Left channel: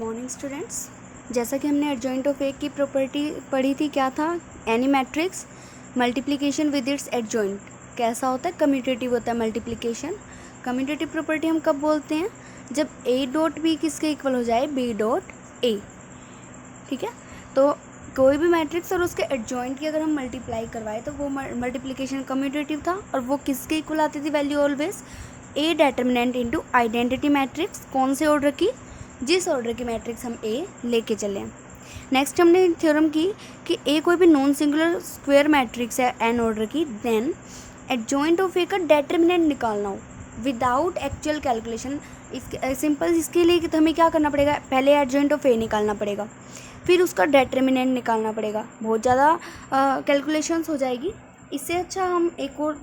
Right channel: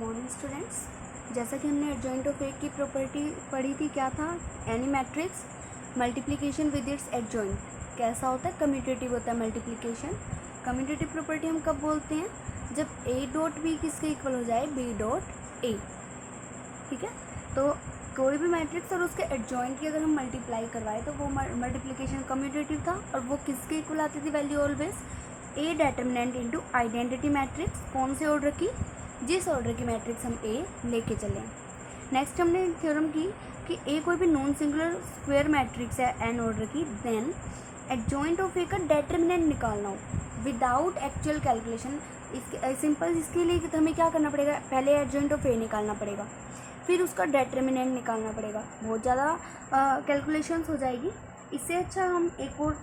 Morning students, जैसा कि हमने एडजॉइंट ऑफ ए की प्रॉपर्टी पढ़ी थी, क्या था? Any matrix multiplication with its adjoint कैसा होता है? कम्यूटेटिव होता है मल्टीप्लिकेशन। कम्यूटेटिव प्रॉपर्टी हम कब बोलते हैं? जब ए डॉट बी किसके इक्वल हो जाए? B dot A. ठीक है, तो कोई भी मैट्रिक्स और उसके एडजॉइंट की अगर हम मल्टीप्लाई करवाए तो वो मल्टीप्लिकेशन कम्यूटेटिव था। और वो किसके इक्वल आती थी value? Always a determinant into identity matrix. कौन से ऑर्डर की? जिस ऑर्डर की मैट्रिक्स हम ए लेके चले। नेक्स्ट हमने थ्योरम की कि ए कोई भी नॉन सिंगुलर स्क्वायर मैट्रिक्स है एन ऑर्डर की, देन एडजॉइंट ऑफ ए का डेटर्मिनेंट निकालना हो विदाउट एक्चुअल कैलकुलेशन। सिंपल इसके लिए कि हमें क्या करना पड़ेगा? पहले एडजॉइंट ऑफ ए निकालना पड़ेगा, फिर उसका डेटर्मिनेंट निकालना पड़ेगा। बहुत ज़्यादा कैलकुलेशंस हो जाएगी। इससे अच्छा हम एक और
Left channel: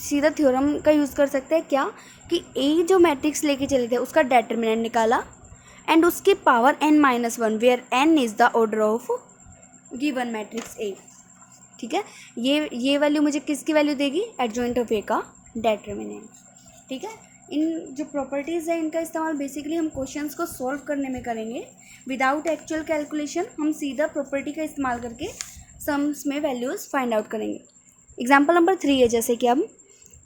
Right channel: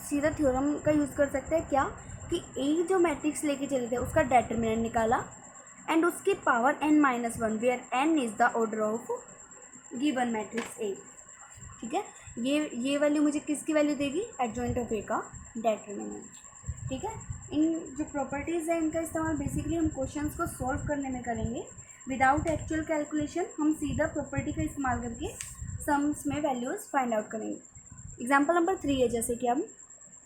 सीधा थ्योरम का यूज़ कर सकते हैं। क्या कि ए जो मैट्रिक्स लेके चले थे उसका डेटर्मिनेंट निकाला एंड उसकी power n-1 where n is the order of given matrix A. ठीक है, ये वैल्यू मुझे किसकी वैल्यू देगी? एडजॉइंट ऑफ ए का डेटर्मिनेंट। ठीक है, इन जो प्रॉपर्टीज़ है इनका इस्तेमाल बेसिकली हम क्वेश्चंस को सॉल्व करने में करेंगे विदाउट एक्चुअल कैलकुलेशन। हम सीधा प्रॉपर्टी का इस्तेमाल करके सम्स में वैल्यूज़ फाइंड आउट करेंगे। एग्जाम्पल नंबर 3 है, जैसे कि हम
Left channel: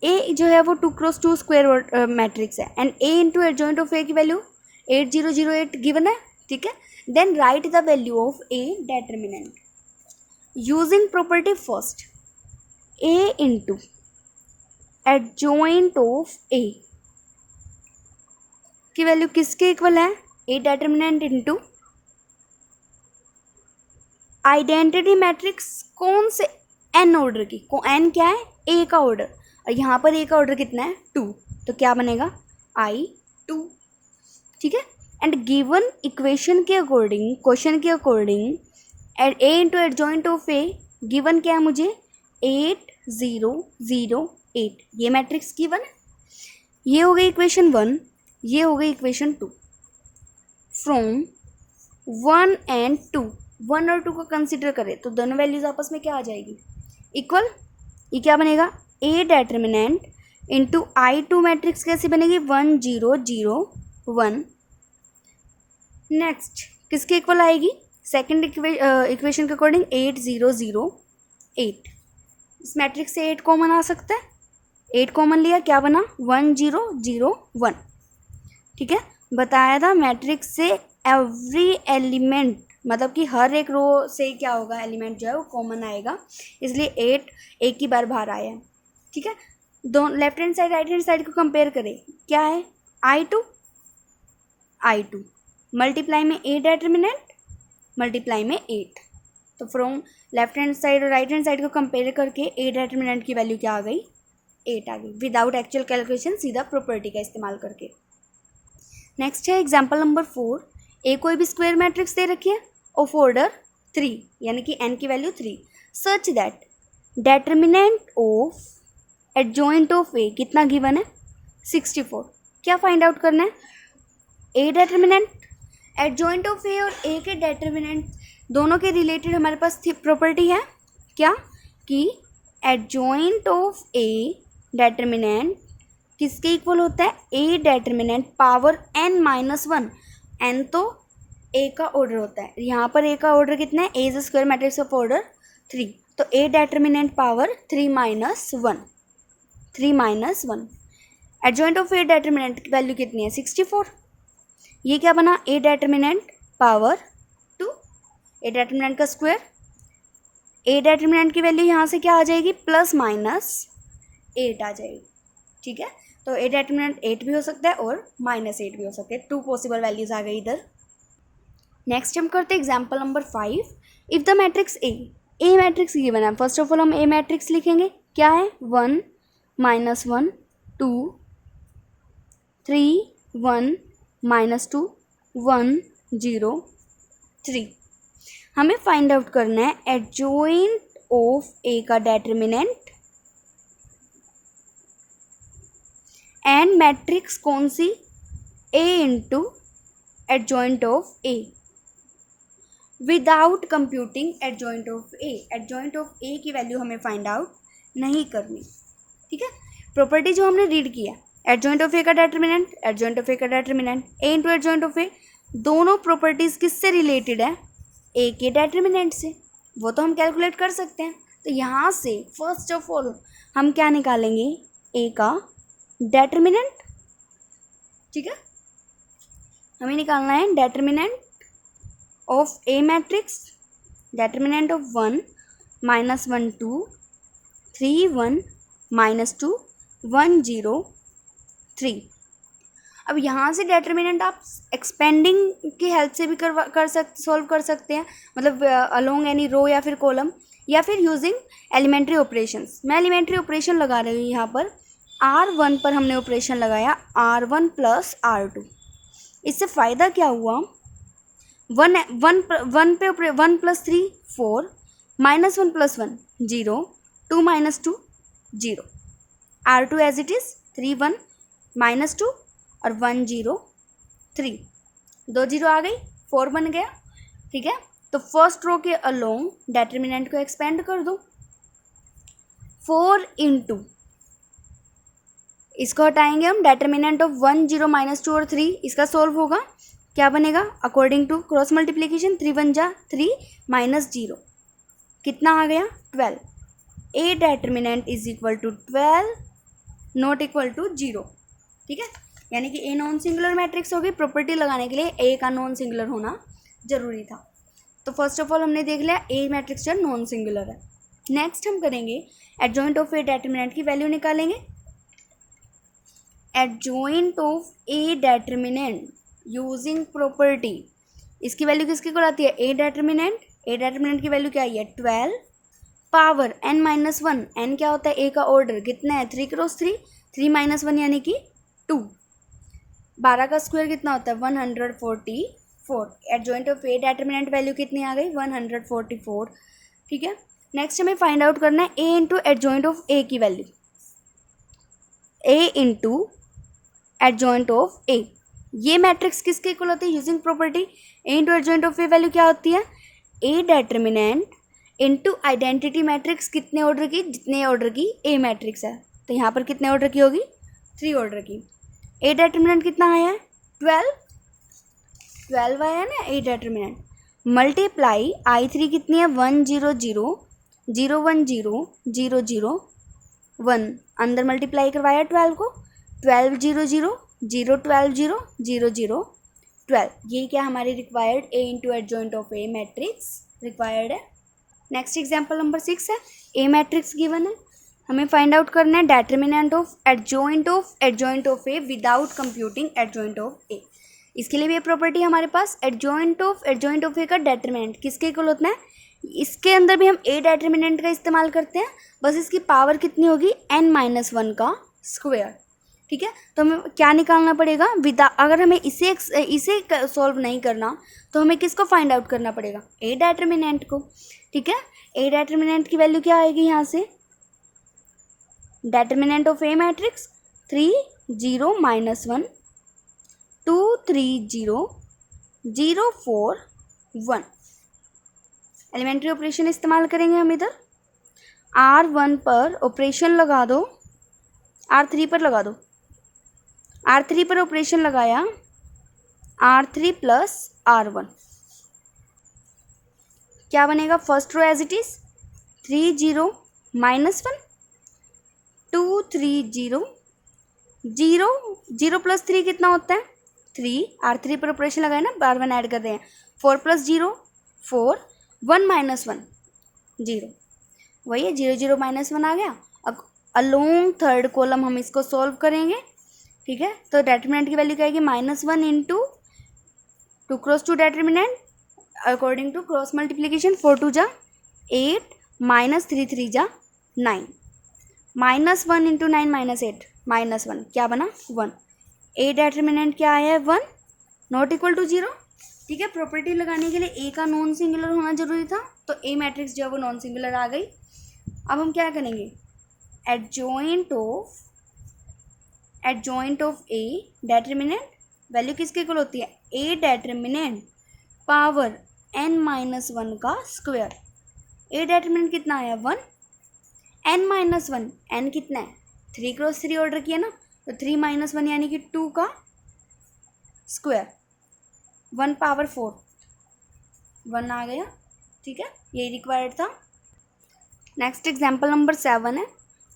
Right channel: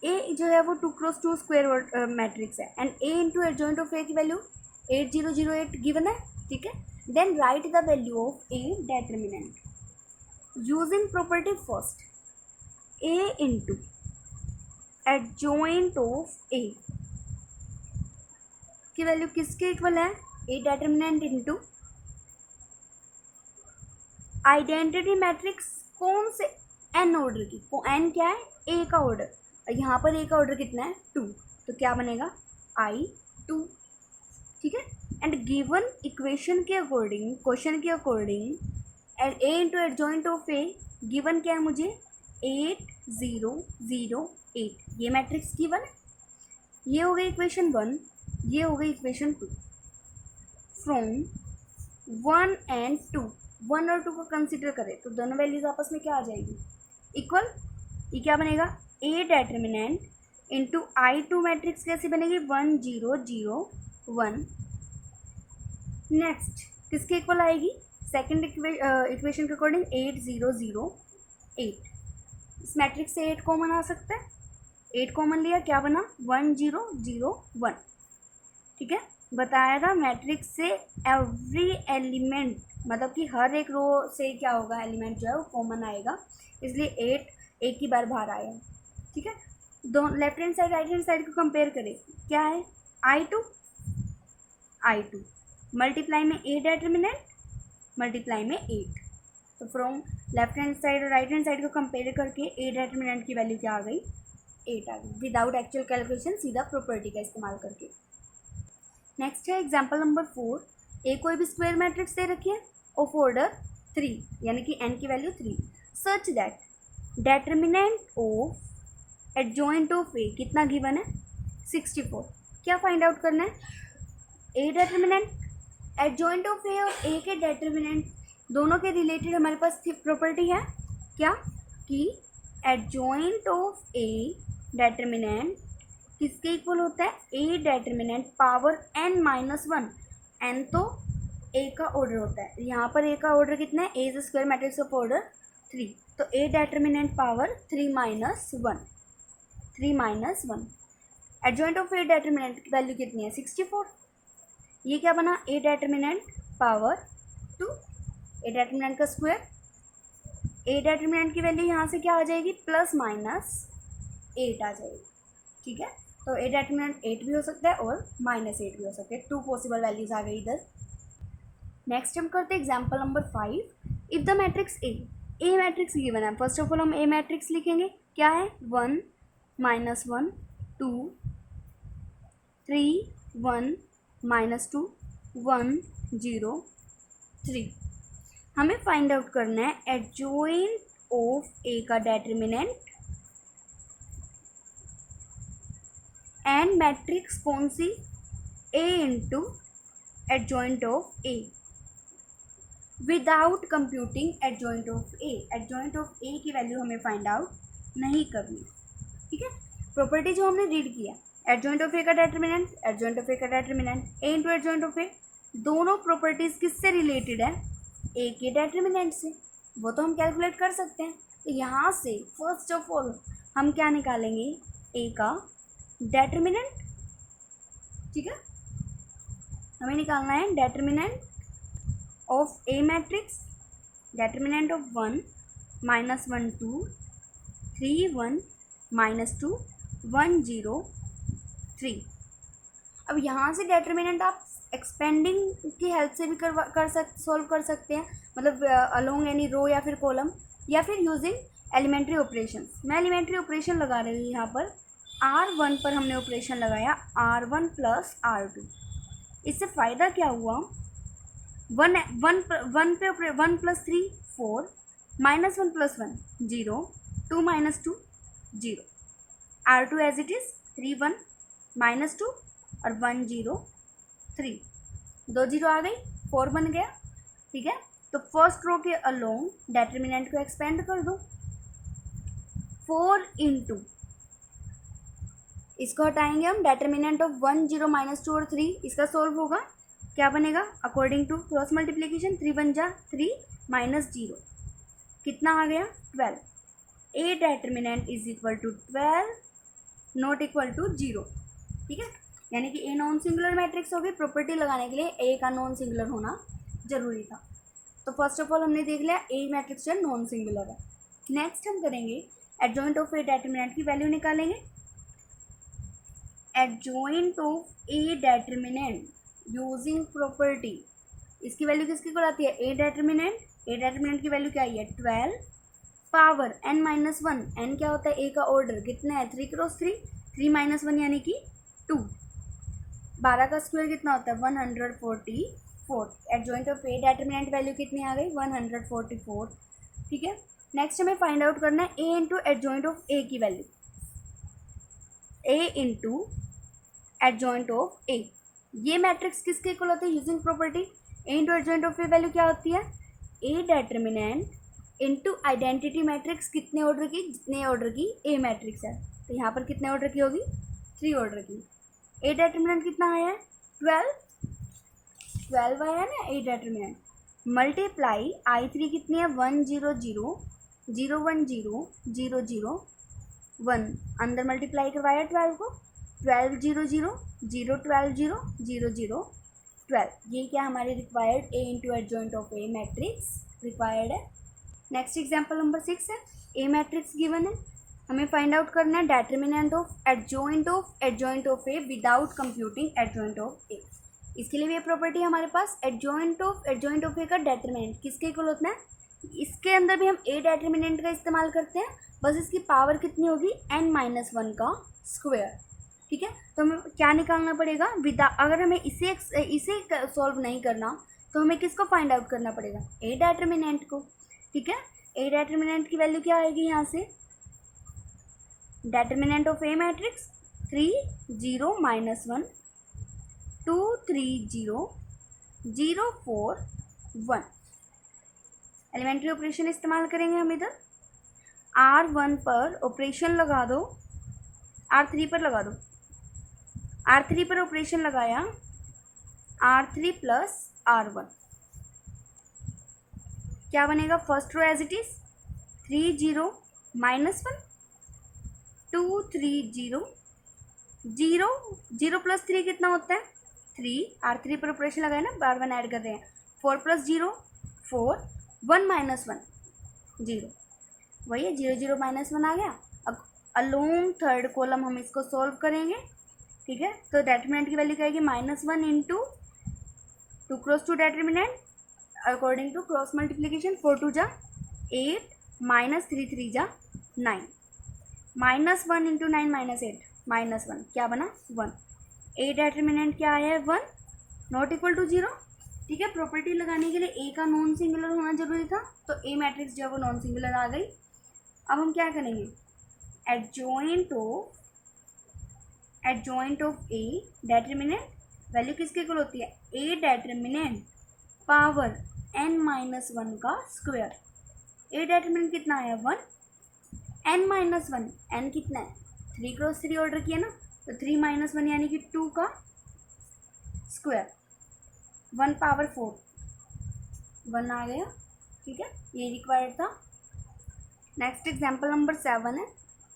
ए जो है वो 2x2 स्क्वायर मैट्रिक्स है and A into adjoint of A की वैल्यू 8008 गिवन है। ठीक है, then write the value of A determinant using property first. A into adjoint of A की वैल्यू किसके इक्वल है? A determinant into identity matrix. कौन से? एन ऑर्डर की। एन क्या है? ए का ऑर्डर। और यहाँ पर ए का ऑर्डर कितना है? 2। तो क्या बनेगा? I2। ठीक है, एंड गिवन इक्वेशन के अकॉर्डिंग, क्वेश्चन के according, A into adjoint of A given क्या है मुझे? 8008। ये मैट्रिक्स गिवन है। ये हो गई इक्वेशन 1, ये हो गई इक्वेशन 2। फ्रॉम 1 एंड 2, 1 और 2 को कंसिडर करें तो दोनों वैल्यूज आपस में क्या आ जाएगी? इक्वल। ये क्या बनेगा? ए डेटर्मिनेंट इंटू I2 मैट्रिक्स कैसी बनेगी? 1 0 0 1। नेक्स्ट किसके इक्वल आएगी? सेकेंड इक्वेशन के अकॉर्डिंग 8 0 0 8। इस मैट्रिक्स से 8 कॉमन आ सकता है। 8 कॉमन लिया, क्या बना? 1 0 0 1। ठीक है, बताया था मैट्रिक्स से एवरी एलिमेंट, मतलब कि हर एक रो से क्या होगा? एलिमेंट जो है वो कॉमन आएगा, इसलिए 8 एक ही बार बाहर आया है। ठीक है, दोनों left hand side right hand side को कंपेयर करें, क्या है? I2 मल्टीप्लाई में ए डेटर्मिनेंट, मल्टीप्लाई में 8। तो फ्रॉम लेफ्ट हैंड साइड और राइट हैंड साइड को कंपेयर करके ए डेटर्मिनेंट की वैल्यू क्या आ गई? 8 आ गई विदाउट एक्चुअल कैलकुलेशन, सीधा प्रॉपर्टी का इस्तेमाल करके। नेक्स्ट है एग्जाम्पल नंबर 4। ए कोई भी स्क्वायर मैट्रिक्स दे रखी है ऑफ ऑर्डर 3, यानी कि एन की value 3, such that determinant of adjoint of A कितना गिवन है? 64। क्या फाइंड आउट करना है? A determinant, adjoint of A और ए के डेटर्मिनेंट दोनों के रिलेटेड हमारे पास प्रॉपर्टी है। क्या कि एडजॉइंट ऑफ ए डेटर्मिनेंट किसके इक्वल होता है? A determinant power n-1। n तो ए का ऑर्डर होता है, यहाँ पर ए का ऑर्डर कितना है? A is square matrix of order 3, तो A determinant power 3-1। Adjoint of A determinant की वैल्यू कितनी है? 64। ये क्या बना? A determinant power 2, A determinant का स्क्वायर। ए डेटर्मिनेंट की वैल्यू यहाँ से क्या आ जाएगी? +-8 आ जाएगी। ठीक है, तो ए डेटर्मिनेंट 8 भी हो सकता है और -8 भी हो सकता है। 2 पॉसिबल वैल्यूज आ गई इधर। नेक्स्ट हम करते हैं example number 5। If the matrix A matrix given है, फर्स्ट ऑफ ऑल हम ए मैट्रिक्स लिखेंगे। क्या है? 1 -1 2 3 1 -2 1 0 3। हमें फाइंड आउट करना है एडजॉइंट ऑफ ए का डेटर्मिनेंट एंड मैट्रिक्स कौन सी? A into adjoint of A without computing adjoint of A. Adjoint of A की वैल्यू हमें फाइंड आउट नहीं करनी। ठीक है, प्रॉपर्टी जो हमने रीड किया, एडजॉइंट ऑफ ए का डेटर्मिनेंट, एडजॉइंट ऑफ ए का determinant, A into adjoint of A दोनों प्रॉपर्टीज़ किससे रिलेटेड है, ए के डेटर्मिनेंट से, वो तो हम कैलकुलेट कर सकते हैं। तो यहाँ से फर्स्ट ऑफ ऑल हम क्या निकालेंगे, ए का डेटर्मिनेंट, ठीक है, हमें निकालना है determinant of A matrix, determinant of 1 -1 2 3 1 -2 1 0 3। अब यहाँ से डेटर्मिनेंट आप एक्सपेंडिंग की हेल्प से भी सॉल्व कर सकते हैं, मतलब अलोंग एनी रो या फिर कॉलम, या फिर यूजिंग एलिमेंट्री ऑपरेशंस। मैं एलिमेंट्री ऑपरेशन लगा रही हूँ यहाँ पर। R1 पर हमने ऑपरेशन लगाया R1 + R2। इससे फ़ायदा क्या हुआ, 1 1 पे 1 + 3 4 -1 + 1 0 2 - 2 0, R2 एज इट इज़ 3 1 -2 और 1 0 3, 2 0 आ गई, 4 बन गया, ठीक है। तो फर्स्ट रो के अलोंग डेटर्मिनेंट को एक्सपेंड कर दो, 4 × इसको हटाएंगे हम, डेटर्मिनेंट ऑफ 1 0 -2 और 3, इसका सोल्व होगा, क्या बनेगा, अकॉर्डिंग टू क्रॉस मल्टीप्लिकेशन 3 1 जा 3 -0, कितना आ गया 12। A determinant is equal to 12, not equal to 0, ठीक है। यानी कि ए नॉन सिंगुलर मैट्रिक्स होगी। प्रॉपर्टी लगाने के लिए ए का नॉन सिंगुलर होना जरूरी था। तो फर्स्ट ऑफ ऑल हमने देख लिया ए मैट्रिक्स जो नॉन सिंगुलर है। नेक्स्ट हम करेंगे एडजॉइंट ऑफ ए डेटर्मिनेंट की वैल्यू निकालेंगे। Adjoint of A determinant using property, इसकी वैल्यू किसकी को आती है, ए डेटर्मिनेंट। ए डेटर्मिनेंट की वैल्यू क्या आई है 12 पावर n-1, n क्या होता है, ए का ऑर्डर कितना है 3 × 3, 3 - 1 यानी कि 2, 12 का स्क्वायर कितना होता है 144। Adjoint of A determinant value कितनी आ गई 144, ठीक है। नेक्स्ट हमें फाइंड आउट करना है A into adjoint of A की value, A into adjoint of A. ये मैट्रिक्स किसके इक्वल होती है, using property A into adjoint of A value क्या होती है, A determinant into identity matrix, कितने ऑर्डर की, जितने ऑर्डर की ए मैट्रिक्स है। तो यहाँ पर कितने ऑर्डर की होगी 3 ऑर्डर की। ए डेटर्मिनेंट कितना आया है 12 आया ना ए डेटर्मिनेंट, मल्टीप्लाई I3 कितनी है 1 0 0 0 1 0 0 0 1, अंदर मल्टीप्लाई करवाया 12 को, 12 0 0 0 12 0 0 0 12। ये क्या हमारी required A into adjoint of A matrix required है। नेक्स्ट एग्जाम्पल नंबर 6 है, ए मैट्रिक्स गिवन है, हमें फाइंड आउट करना है determinant of adjoint of A without computing adjoint of A. इसके लिए भी ये प्रॉपर्टी हमारे पास, एडजॉइंट ऑफ ए का डेटर्मिनेंट किसके इक्वल होता है, इसके अंदर भी हम ए डेटर्मिनेंट का इस्तेमाल करते हैं, बस इसकी पावर कितनी होगी n-1 का स्क्वायर, ठीक है। तो हमें क्या निकालना पड़ेगा, अगर हमें इसे सॉल्व नहीं करना तो हमें किसको फाइंड आउट करना पड़ेगा, ए डेटर्मिनेंट को, ठीक है। ए डेटर्मिनेंट की वैल्यू क्या आएगी यहाँ से, determinant of A matrix 3 0 -1 2 3 0 0 4 1। Elementary operation इस्तेमाल करेंगे हम इधर, R1 पर ऑपरेशन लगा दो, R3 पर लगा दो, R3 पर ऑपरेशन लगाया R3 + R1, क्या बनेगा, first row as it is 3 0 -1 2 3 0 0 0 + 3 कितना होता है 3, R3 पर ऑपरेशन लगाए ना, R1 ऐड कर रहे हैं, 4 + 0 4 1 - 1 0, वही है 0 0 -1 आ गया। अब अलोंग थर्ड कॉलम हम इसको सॉल्व करेंगे, ठीक है। तो डेटर्मिनेंट की वैल्यू क्या आएगी -1 into 2 × 2 determinant according to cross multiplication, 4 2 जा 8 -3 3 जा 9, -1 इंटू 9 -8 -1 क्या बना 1। ए डेटर्मिनेंट क्या आया है 1, नॉट इक्वल टू 0, ठीक है। प्रॉपर्टी लगाने के लिए ए का नॉन सिंगुलर होना जरूरी था, तो ए मैट्रिक्स जो है वो नॉन सिंगुलर आ गई। अब हम क्या करेंगे, adjoint of A determinant value किसके इक्वल होती है, ए डेटर्मिनेंट पावर n-1 का स्क्वायर। ए डेटर्मिनेंट कितना आया 1, n-1, n कितना है 3 × 3 ऑर्डर किया ना, तो 3 - 1 यानी कि 2 का स्क्वायर, 1 पावर 4 1 आ गया, ठीक है, यही रिक्वायर्ड था। नेक्स्ट एग्जाम्पल नंबर 7 है,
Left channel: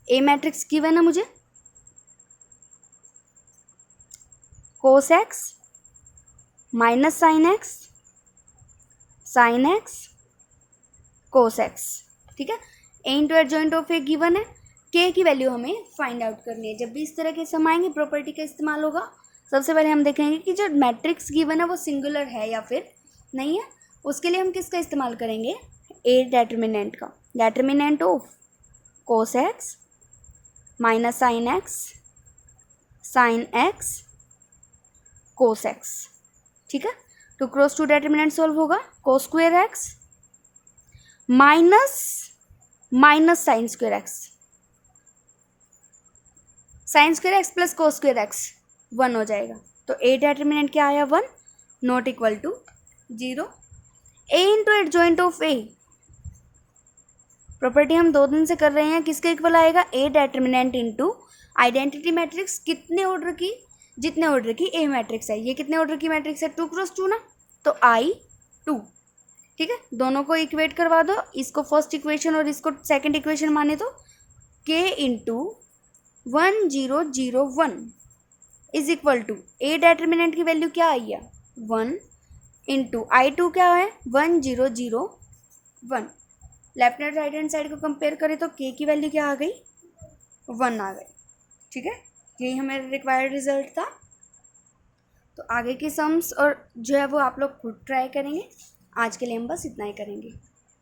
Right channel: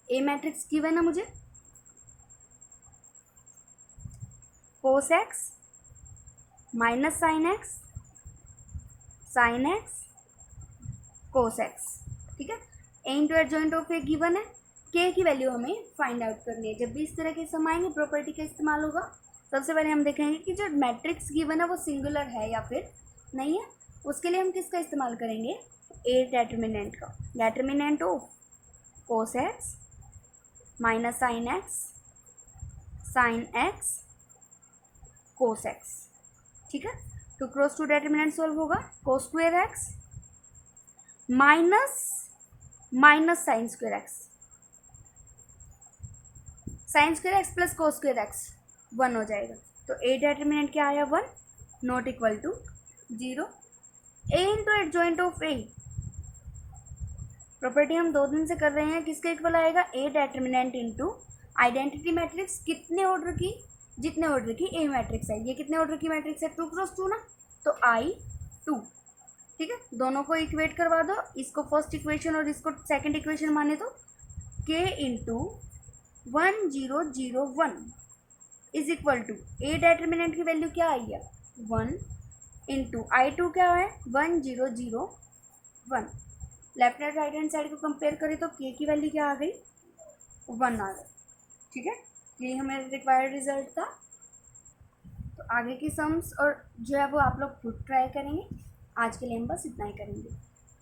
ए मैट्रिक्स गिवन है मुझे, cos x minus sine x, sine x, cos x, ठीक है। A into adjoint of A given है, के की वैल्यू हमें फाइंड आउट करनी है। जब भी इस तरह के सम आएंगे प्रॉपर्टी का इस्तेमाल होगा। सबसे पहले हम देखेंगे कि जो मैट्रिक्स गिवन है वो सिंगुलर है या फिर नहीं है। उसके लिए हम किसका इस्तेमाल करेंगे, ए डेटर्मिनेंट का, determinant of cos x minus sine x, sine x, cos x, ठीक है। तो क्रॉस टू डेटर्मिनेंट सॉल्व होगा, cos square x minus sine square x, sine square x plus cos square x 1 हो जाएगा। तो A determinant क्या आया 1, not equal to 0। A into adjoint of A, property हम 2 दिन से कर रहे हैं, किसके इक्वल आएगा, ए डेटर्मिनेंट इंटू आइडेंटिटी मैट्रिक्स कितने ऑर्डर की, जितने ऑर्डर की ए मैट्रिक्स है। ये कितने ऑर्डर की मैट्रिक्स है, 2 क्रॉस 2 ना, तो I2, ठीक है। दोनों को इक्वेट करवा दो, इसको फर्स्ट इक्वेशन और इसको सेकंड इक्वेशन माने तो k into 1 0 0 1 is equal to A determinant की वैल्यू क्या आई है 1 इंटू I2 क्या है 1 0 0 1। Left and right hand side को कंपेयर करें तो k की वैल्यू क्या आ गई 1 आ गई, ठीक है। यही हमारा रिक्वायर्ड रिजल्ट था। तो आगे के सम्स और जो है वो आप लोग खुद ट्राई करेंगे। आज के लिए हम बस इतना ही करेंगे।